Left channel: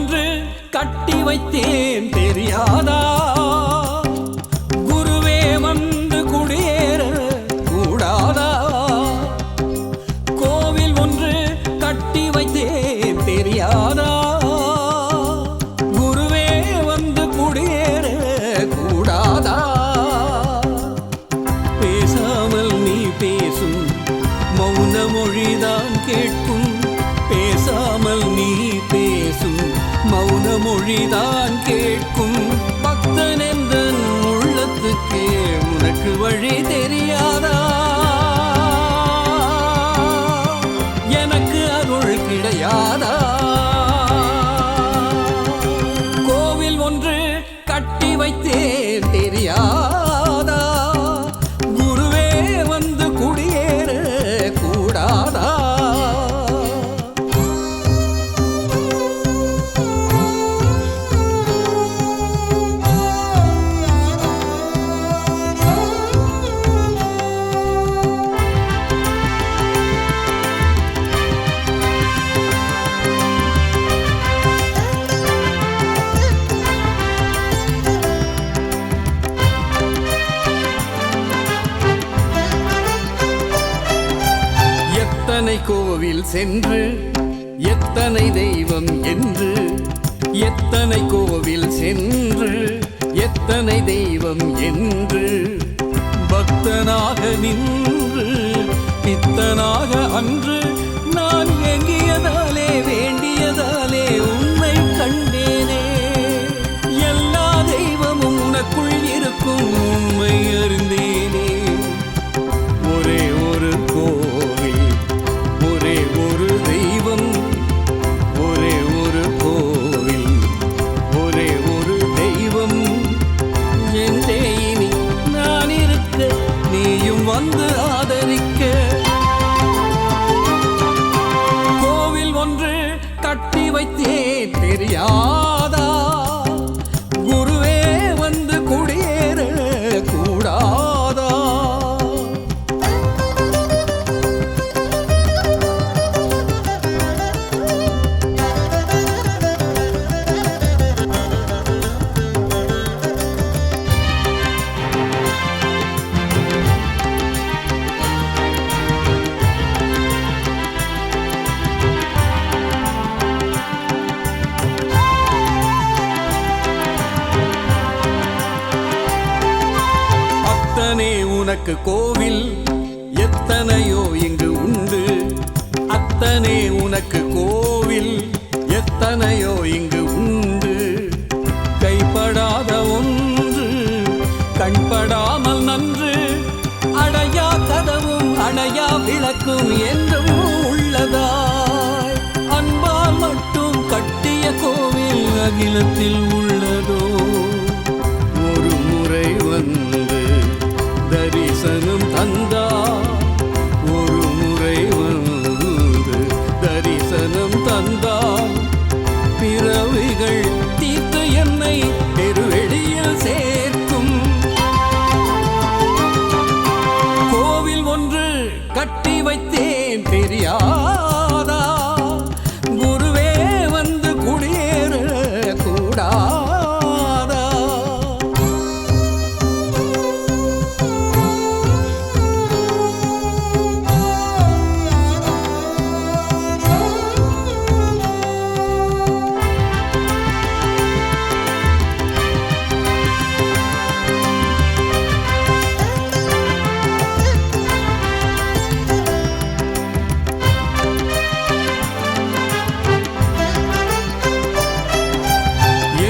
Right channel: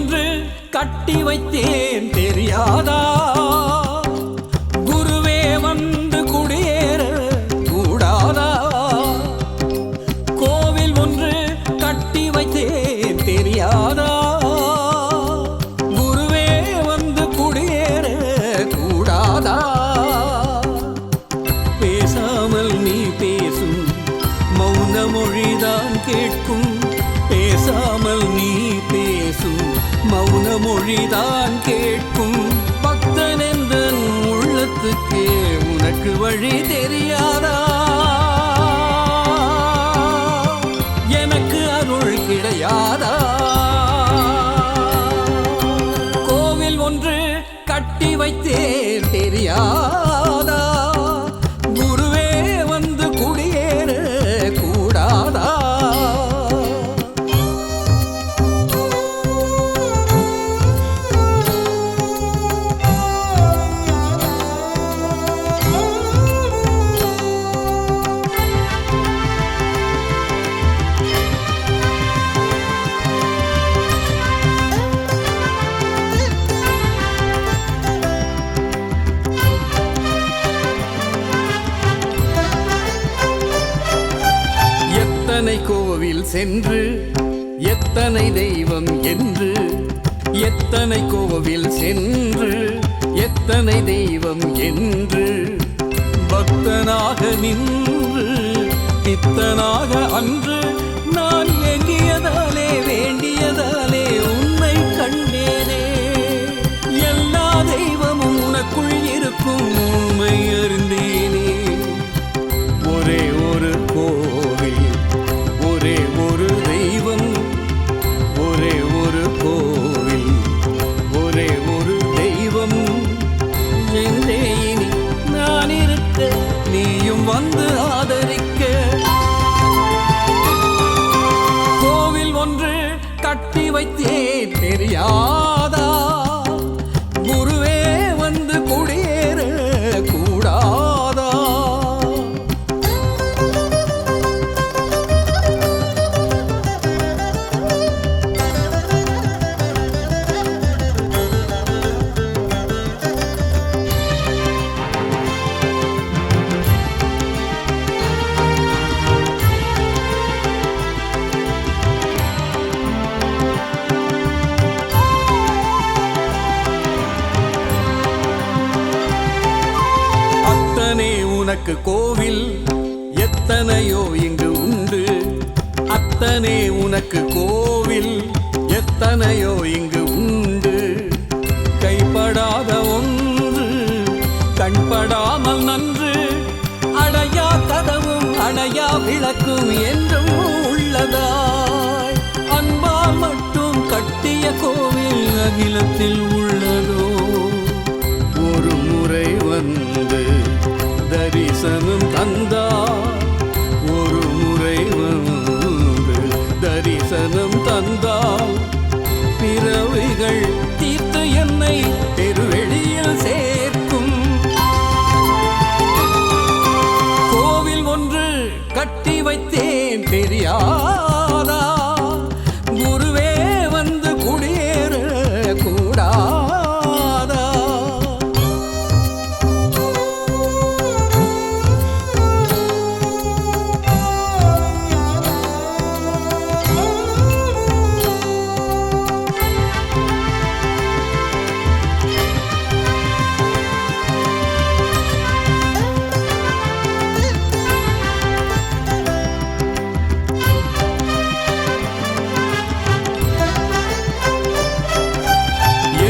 ஒன்று கட்டி வைத்தேன் தெரியாதா? குருவே வந்து குடியேற கூடாதா? கோவில் ஒன்று கட்டி வைத்தேன் தெரியாதா? குருவே வந்து குடியேற கூடாதா? பேசாமல் நீ பேசும் மௌன மொழிதான் கேட்கும். பேசாமல் நீ பேசும் மௌன மொழிதான் கேட்கும். பக்தன் என்ற உள்ளத்துக்கே உனக்கு வழி தெரியாதா? எனக்கு அருள் கிடையாதா? கோவில் ஒன்று கட்டி வைத்தேன் தெரியாதா? குருவே வந்து குடியேற கூடாதா? எத்தனை கோவில் சென்று எத்தனை தெய்வம் என்று, எத்தனை கோவில் சென்று எத்தனை தெய்வம் என்று, பக்தனாக நின்று பித்தனாக அன்று நான் எங்கியதாலே வேண்டியதாலே உன்னை கண்டேனே. எல்லா தெய்வமும் உனக்குள் இருக்கும் உண்மை அறிந்தேனே. ஒரே ஒரு கோவில், ஒரே ஒரு தெய்வம், ஒரே ஒரு கோவில், ஒரே ஒரு தெய்வம் என்றே இனி நான் இருக்க, நீயும் வந்து ஆதரிக்க. கோவில் ஒன்று கட்டி வைத்தேன் தெரியாதா? குருவே வந்து குடியேற கூடாதா? அத்தனை உனக்கு கோவில் எத்தனையோ இங்கு உண்டு. அத்தனை உனக்கு கோவில் எத்தனையோ இங்கு உண்டு. கைப்படாத ஒன்று கண்படாமல் நன்று, அடையா கதவும் அணையா விளக்கும் என்றும் உள்ளதாய். அன்பால் மட்டும் கட்டிய கோவில் அகிலத்தில் உள்ளதோ? ஒரு முறை வந்து தரிசனம் தந்தால், ஒரு முறை வந்து தரிசனம் தந்தால், பிறவிகள் தீர்த்து என்னை பெருவெளியில் சேர்க்கும். கோவில் ஒன்று கட்டி வைத்தேன் தெரியாதா? குருவே வந்து குடியேற கூடாதா?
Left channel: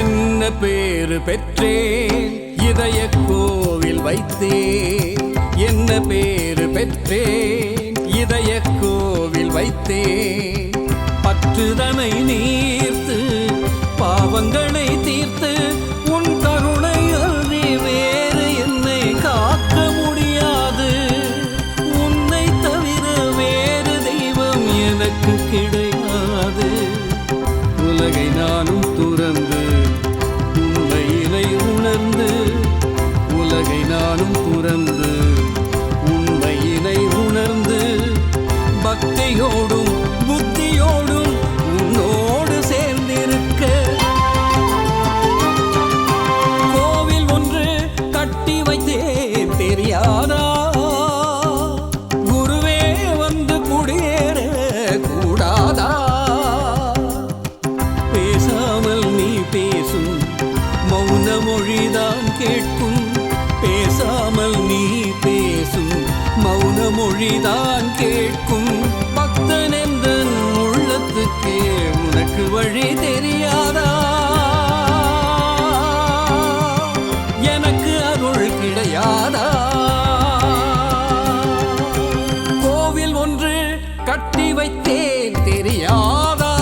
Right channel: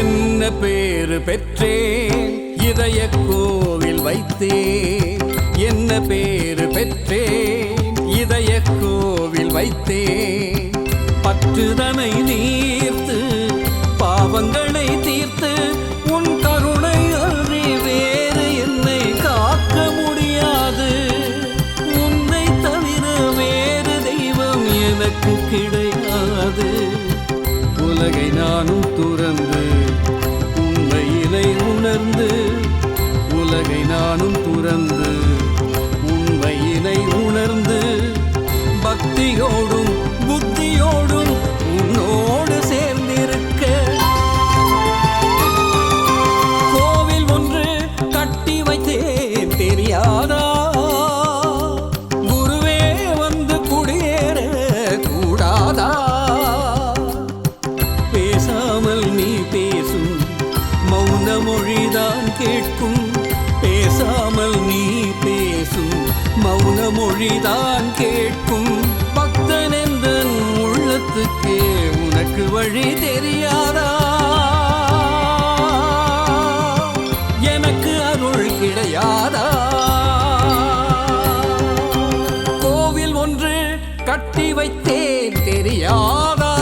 என்ன பேரு பெற்றேன் இதய கோவில் வைத்தேன். என்ன பேரு பெற்றேன் இதய கோவில் வைத்தேன். பற்றுதனை நீர்த்து பாவங்களை தீர்த்து, உன் கருணை அன்றி வேறு என்னை காக்க முடியாது. உன்னை தவிர வேறு தெய்வம் எனக்கு கிடையாது. உலகை நானும் துறந்து உண்மையினை உணர்ந்து, உலகை நானும் துறந்து உண்மையினை உணர்ந்து, பக்தியோடும் புத்தியோடும் உன்னோடு சேர்ந்திருக்க. கோவில் ஒன்று கட்டி வைத்தேன் தெரியாதா, குருவே வந்து குடியேற கூடாதா. பேசாமல் நீ பேசும் மௌன மொழிதான் கேட்கும், பேசாமல் நீ பேசும் மௌன மொழிதான் கேட்கும். பக்தன் என்ற உள்ளத்துக்கு உனக்கு வழி தெரியாதா, எனக்கு அருள் கிடையாதா. கோவில் ஒன்று கட்டி வைத்தேன் தெரியாதா.